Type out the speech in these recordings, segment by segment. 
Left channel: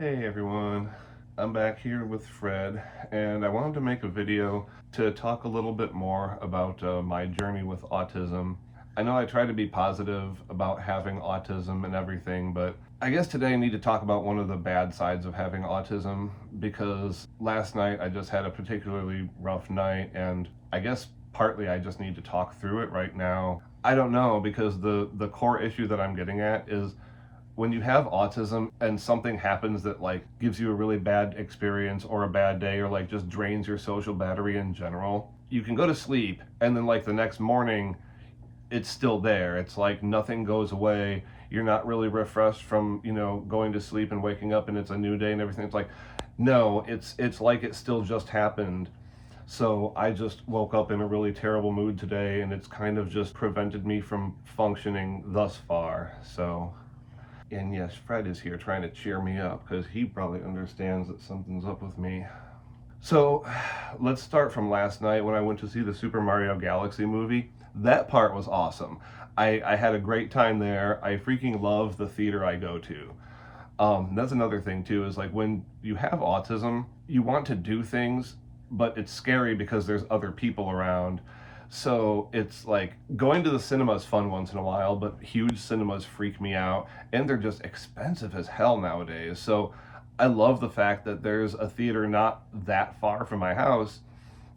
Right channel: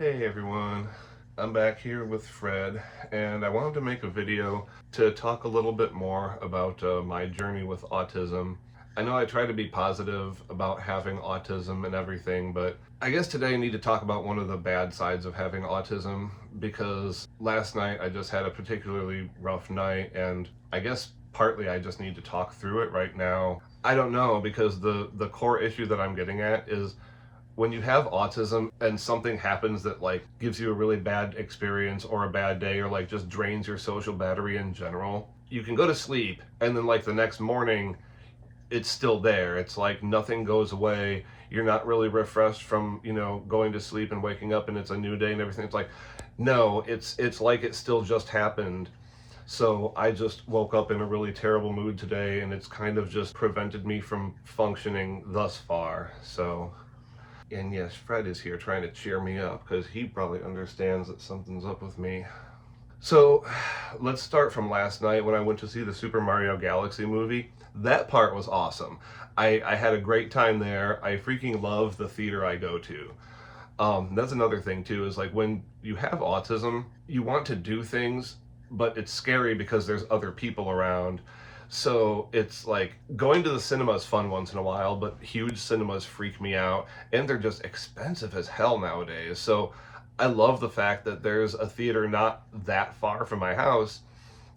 Hey everyone, I'm back here with Fred, and I wanted to make a video to talk a little bit more about my journey with autism. I know I try to be positive about having autism and everything, but I guess today I need to talk about one of the bad sides of having autism, because last night I just had a particularly rough night, and I guess partly I just need to talk through it right now. I don't know, because the core issue that I'm getting at is when you have autism and something happens that like gives you a really bad experience or a bad day or like just drains your social battery in general, you can go to sleep and then like the next morning it's still there. It's like nothing goes away. You're not really refreshed from, going to sleep and waking up and it's a new day and everything. It's like, no, it's like it still just happened. So I just woke up in a really terrible mood today, and it's kind of just prevented me from functioning thus far. And yes, Fred is here trying to cheer me up because he probably understands that something's up with me. So let's start from last night when I went to see the Super Mario Galaxy movie. That part was awesome. I had a great time there. I freaking love the theater I go to. That's another thing too, is like when you have autism, you want to do things, but it's scary because there's other people around. So it's like going to the cinema is fun once in a while, but huge cinemas freak me out, and they're just expensive as hell nowadays. So I love the fact that there's a theater not that far from my house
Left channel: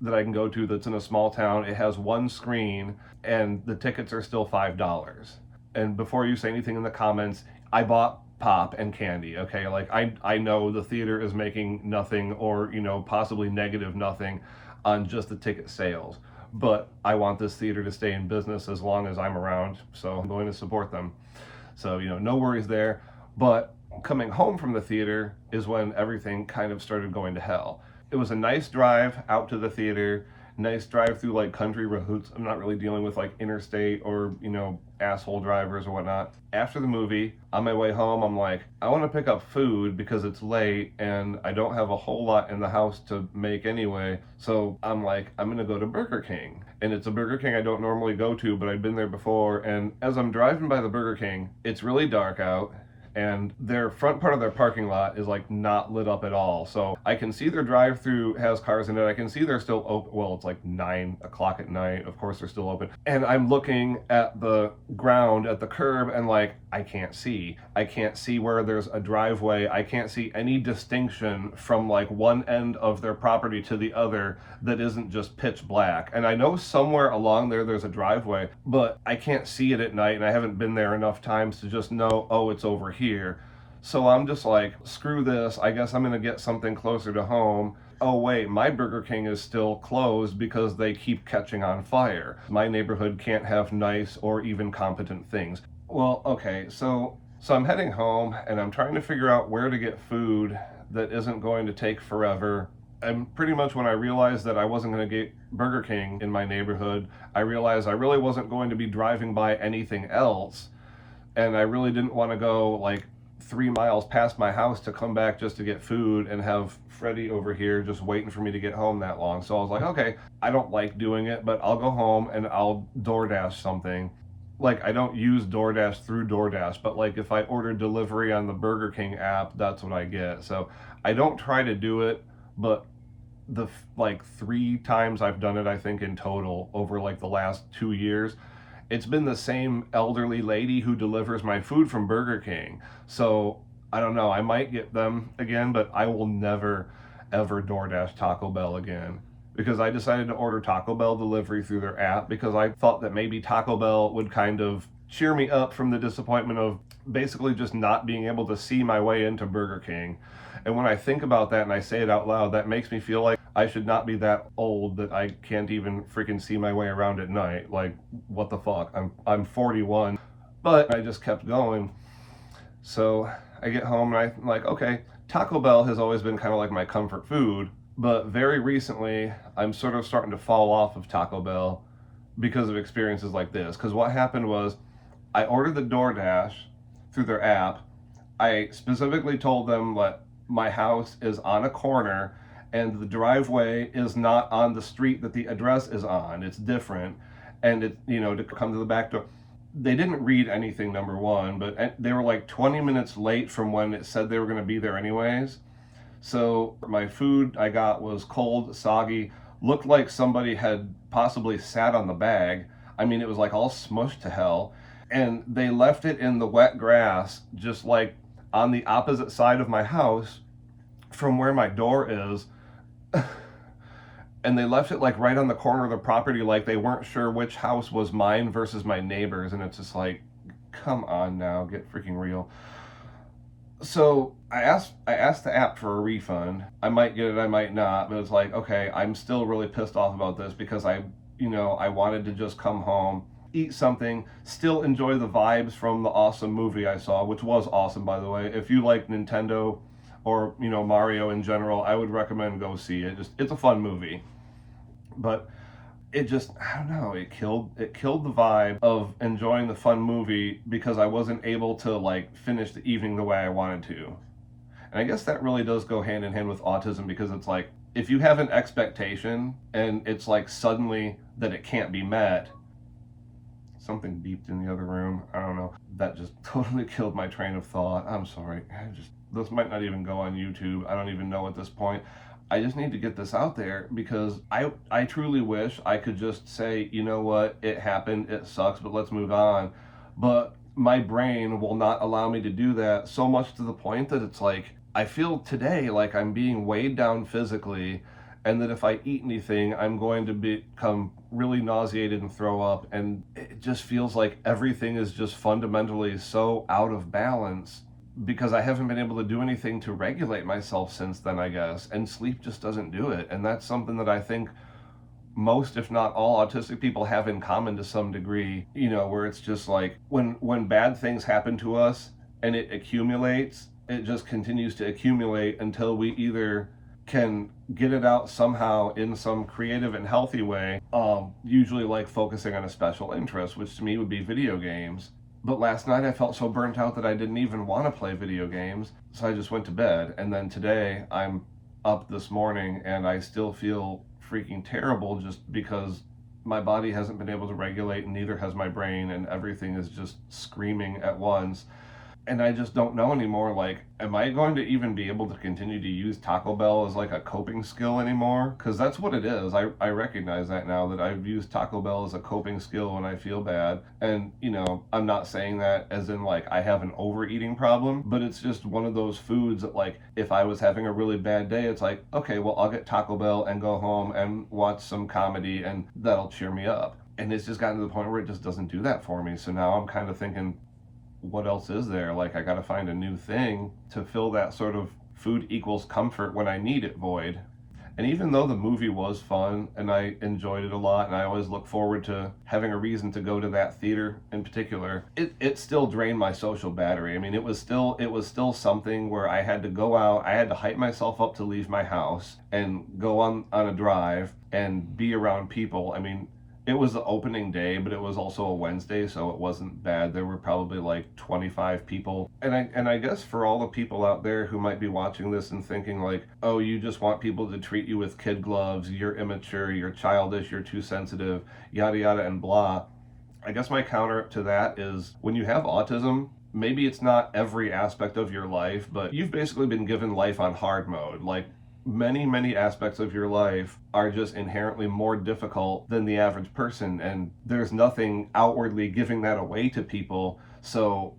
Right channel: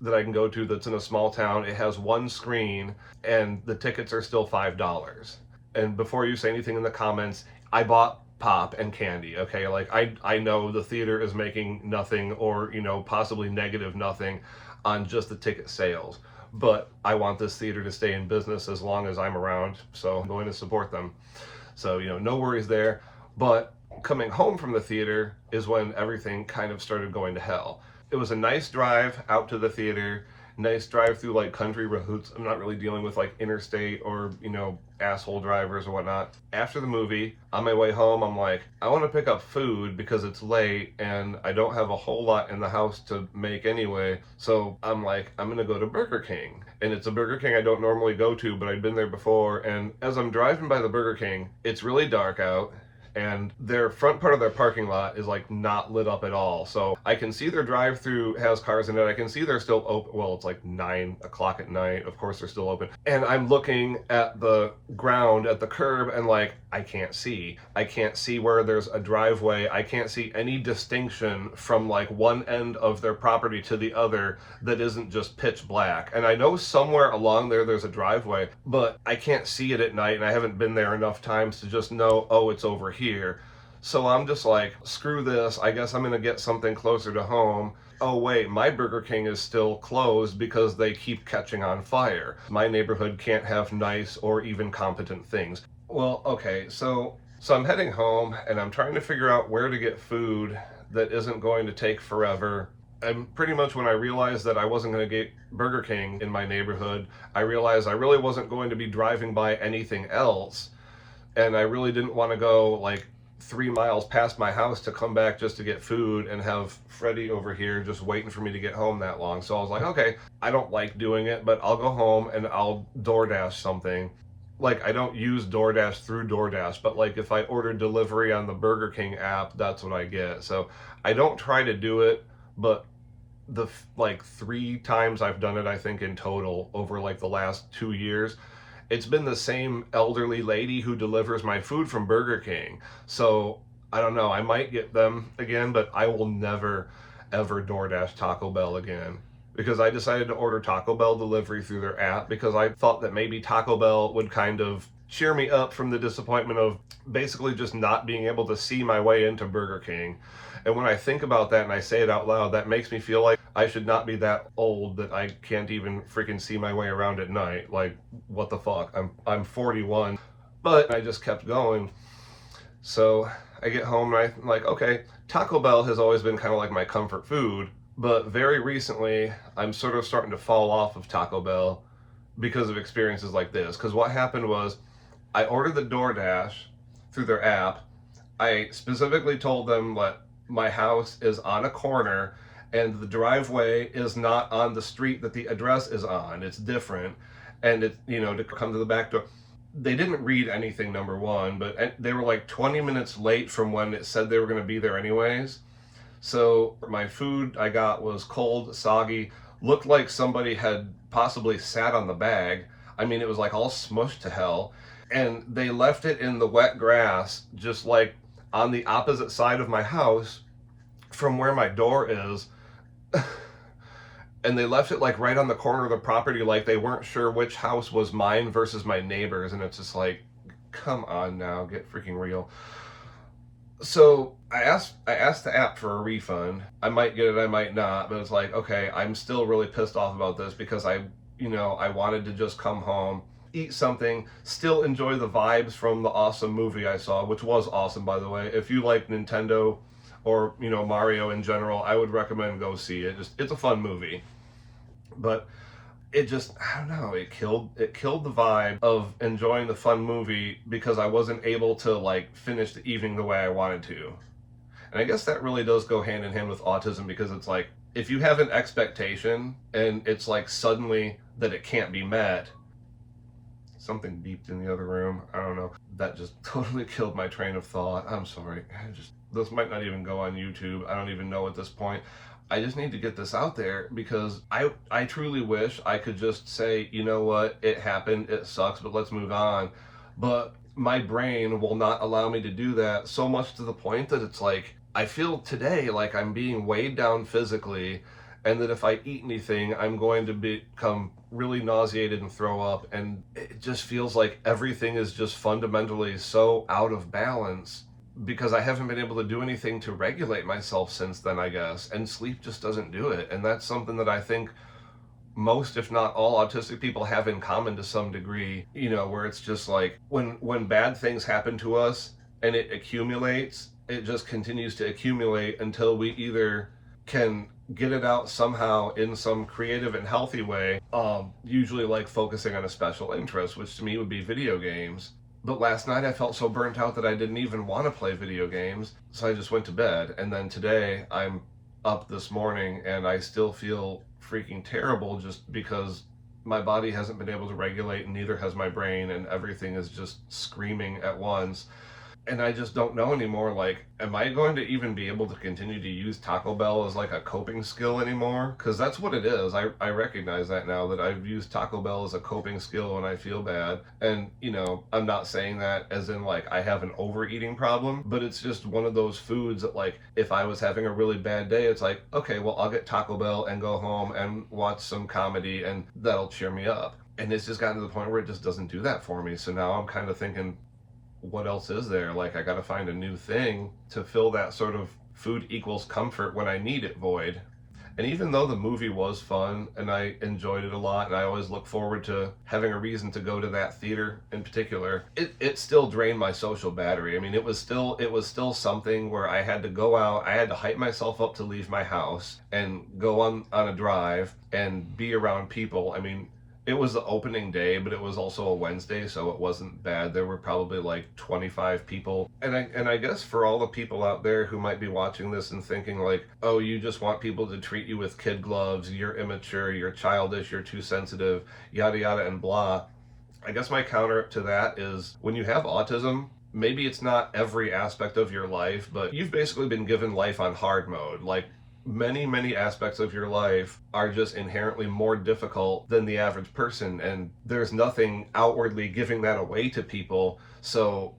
that I can go to that's in a small town. It has one screen, and the tickets are still $5. And before you say anything in the comments, I bought pop and candy, okay? Like I know the theater is making nothing, or possibly negative nothing on just the ticket sales, but I want this theater to stay in business as long as I'm around, so I'm going to support them. So no worries there. But coming home from the theater is when everything kind of started going to hell. It was a nice drive out to the theater, nice drive through like country roads. I'm not really dealing with like interstate or, asshole drivers or whatnot. After the movie, on my way home, I'm like, I want to pick up food because it's late and I don't have a whole lot in the house to make anyway. So I'm like, I'm going to go to Burger King. And it's a Burger King I don't normally go to, but I'd been there before. And as I'm driving by the Burger King, it's really dark out, and their front part of their parking lot is like not lit up at all. So I can see their drive-through has cars in it. I can see they're still open. Well, it's like 9 o'clock at night. Of course they're still open. And I'm looking at the ground at the curb and like, I can't see. I can't see where there's a driveway. I can't see any distinction from like one end of their property to the other that isn't just pitch black. And I know somewhere along there's a driveway, but I can't see it at night, and I haven't been there enough times to just know, oh, it's over here. So I'm just like, screw this. I guess I'm going to get something closer to home. Oh wait, my Burger King is still closed because they keep catching on fire. My neighborhood can't have nice or even competent things. Well, okay, so I'm heading home and I'm trying to figure out where to get food that isn't going to take forever. And pretty much when I realized that I wasn't going to get Burger King in my neighborhood, I realized I really wasn't going to be driving by anything else. And I really didn't want to go like 3 miles past my house to come back just to get food and have Freddie over here just waiting for me to get home that long. So I was like, okay, I don't like doing it, but I'll go home and I'll DoorDash something. Like, I don't use DoorDash through DoorDash, but like if I order delivery on the Burger King app, that's what I get. So I don't try to do it, but the like 3 times I've done it, I think in total over like the last 2 years, it's been the same elderly lady who delivers my food from Burger King. So I don't know, I might get them again, but I will never ever DoorDash Taco Bell again, because I decided to order Taco Bell delivery through their app because I thought that maybe Taco Bell would kind of cheer me up from the disappointment of basically just not being able to see my way into Burger King. And when I think about that and I say it out loud, that makes me feel like I should not be that old that I can't even freaking see my way around at night. Like, what the fuck? I'm 41. But I just kept going. So I get home and I'm like, okay, Taco Bell has always been kind of like my comfort food, but very recently I'm sort of starting to fall off of Taco Bell because of experiences like this. Because what happened was I ordered the DoorDash through their app. I specifically told them that my house is on a corner and the driveway is not on the street that the address is on. It's different. And to come to the back door. they didn't read anything, number one, but they were like 20 minutes late from when it said they were going to be there anyways. So my food I got was cold, soggy, looked like somebody had possibly sat on the bag. I mean, it was like all smushed to hell. And they left it in the wet grass, just like on the opposite side of my house from where my door is. And they left it like right on the corner of the property, like they weren't sure which house was mine versus my neighbor's. And it's just like, come on now, get freaking real. So I asked the app for a refund. I might get it, I might not, but it's like, okay, I'm still really pissed off about this because I wanted to just come home, eat something, still enjoy the vibes from the awesome movie I saw, which was awesome, by the way. If you like Nintendo or, Mario in general, I would recommend go see it. It's a fun movie. But it just, I don't know, it killed the vibe of enjoying the fun movie because I wasn't able to like finish the evening the way I wanted to. And I guess that really does go hand in hand with autism, because it's like, if you have an expectation and it's like suddenly that it can't be met. Something beeped in the other room. I don't know. That just totally killed my train of thought. I'm sorry. This might not even go on YouTube. I don't even know at this point. I just need to get this out there because I truly wish I could just say, you know what, it happened, it sucks, but let's move on. But my brain will not allow me to do that, so much to the point that it's like, I feel today like I'm being weighed down physically, and that if I eat anything, I'm going to become really nauseated and throw up. And it just feels like everything is just fundamentally so out of balance because I haven't been able to do anything to regulate myself since then, I guess. And sleep just doesn't do it. And that's something that I think most, if not all, autistic people have in common to some degree, where it's just like when bad things happen to us and it accumulates, it just continues to accumulate until we either can get it out somehow in some creative and healthy way, usually like focusing on a special interest, which to me would be video games. But last night I felt so burnt out that I didn't even want to play video games, so I just went to bed. And then today I'm up this morning and I still feel freaking terrible just because my body hasn't been able to regulate, and neither has my brain, and everything is just screaming at once. And I just don't know anymore, like, am I going to even be able to continue to use Taco Bell as like a coping skill anymore? Because that's what it is. I recognize that now, that I've used Taco Bell as a coping skill when I feel bad. And, I'm not saying that as in like I have an overeating problem, but it's just one of those foods that, like, if I was having a really bad day, it's like, okay, well, I'll get Taco Bell and go home and watch some comedy and that'll cheer me up. And it's just gotten to the point where it just doesn't do that for me. So now I'm kind of thinking, what else is there? Like, I gotta find a new thing to fill that sort of food equals comfort when I need it void. And even though the movie was fun and I enjoyed it a lot, and I always look forward to having a reason to go to that theater in particular, it still drained my social battery. I mean, it was still something where I had to go out, I had to hype myself up to leave my house and go on a drive and be around people. I mean, it was the opening day, but it was also a Wednesday, so it wasn't bad. There were probably like 25 people. And I guess for all the people out there who might be watching this and thinking like, oh, you just want people to treat you with kid gloves, you're immature, you're childish, you're too sensitive, yada yada and blah. I guess my counter to that is, when you have autism, maybe it's not every aspect of your life, but you've basically been given life on hard mode. Like, many aspects of your life are just inherently more difficult than the average person, and there's nothing outwardly giving that away to people. So,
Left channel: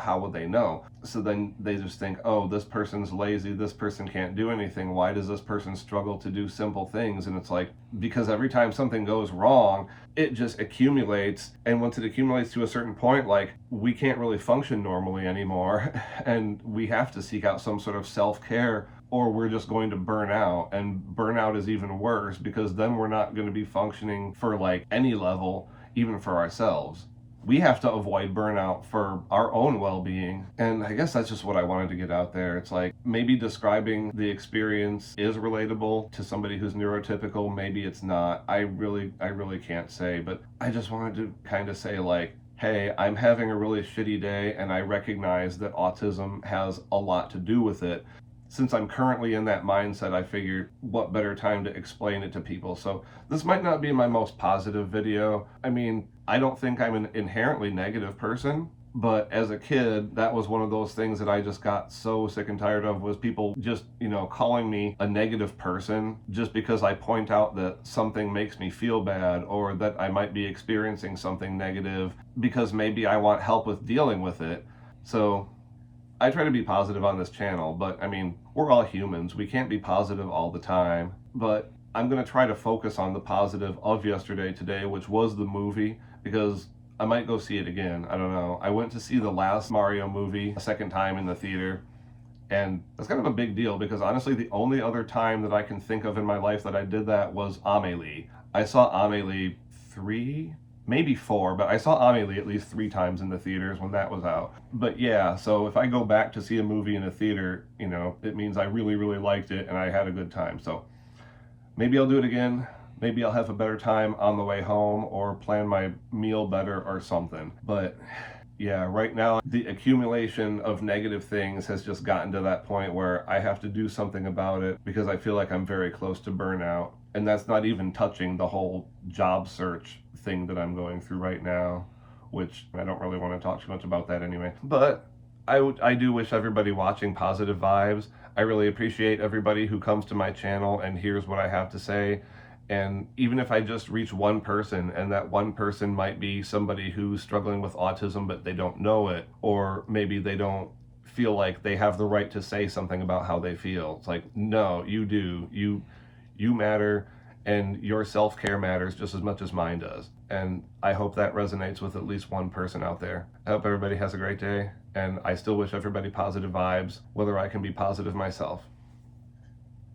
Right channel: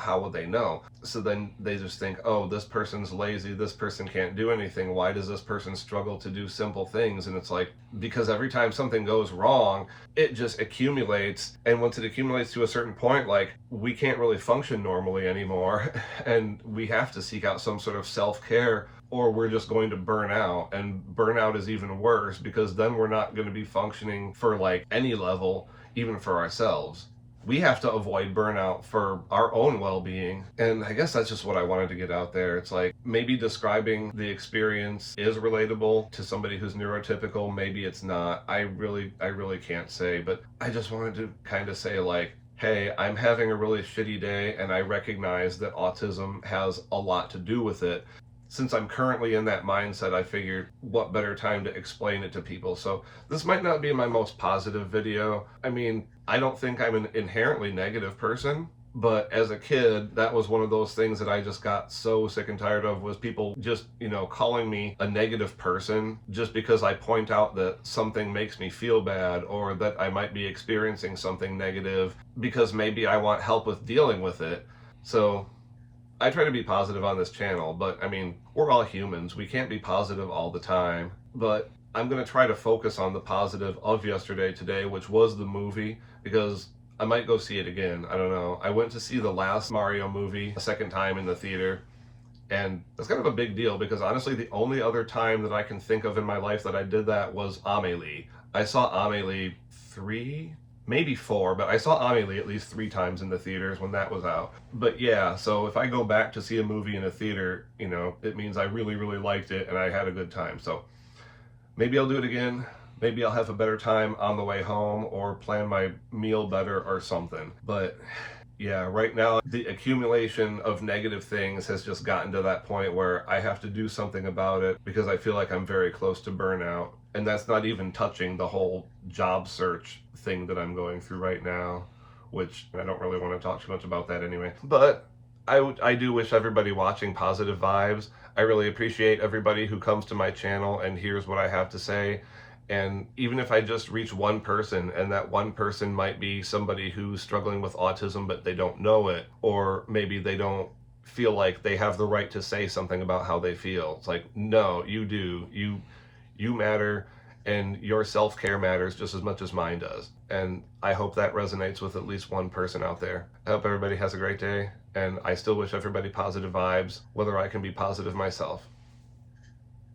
how would they know? So then they just think, oh, this person's lazy, this person can't do anything, why does this person struggle to do simple things? And it's like, because every time something goes wrong, it just accumulates, and once it accumulates to a certain point, like, we can't really function normally anymore, and we have to seek out some sort of self-care, or we're just going to burn out. And burnout is even worse, because then we're not going to be functioning for like any level, even for ourselves. We have to avoid burnout for our own well-being. And I guess that's just what I wanted to get out there. It's like, maybe describing the experience is relatable to somebody who's neurotypical, maybe it's not. I really can't say, but I just wanted to kind of say like, hey, I'm having a really shitty day and I recognize that autism has a lot to do with it. since I'm currently in that mindset, I figured what better time to explain it to people. So this might not be my most positive video. I mean, I don't think I'm an inherently negative person, but as a kid, that was one of those things that I just got so sick and tired of, was people just, calling me a negative person just because I point out that something makes me feel bad, or that I might be experiencing something negative because maybe I want help with dealing with it. So I try to be positive on this channel, but I mean, we're all humans. We can't be positive all the time. But I'm going to try to focus on the positive of yesterday today, which was the movie, because I might go see it again. I don't know. I went to see the last Mario movie a second time in the theater, and that's kind of a big deal because honestly, the only other time that I can think of in my life that I did that was Amelie. I saw Amelie 3, maybe 4, but I saw Amelie at least 3 times in the theaters when that was out. But yeah, so if I go back to see a movie in a theater, it means I really, really liked it and I had a good time. So maybe I'll do it again. Maybe I'll have a better time on the way home, or plan my meal better or something. But yeah, right now the accumulation of negative things has just gotten to that point where I have to do something about it, because I feel like I'm very close to burnout. And that's not even touching the whole job search thing that I'm going through right now, which I don't really want to talk too much about that anyway. But I do wish everybody watching positive vibes. I really appreciate everybody who comes to my channel and hears what I have to say. And even if I just reach one person, and that one person might be somebody who's struggling with autism but they don't know it, or maybe they don't feel like they have the right to say something about how they feel. It's like, no, you do. You matter, and your self-care matters just as much as mine does. And I hope that resonates with at least one person out there. I hope everybody has a great day, and I still wish everybody positive vibes, whether I can be positive myself.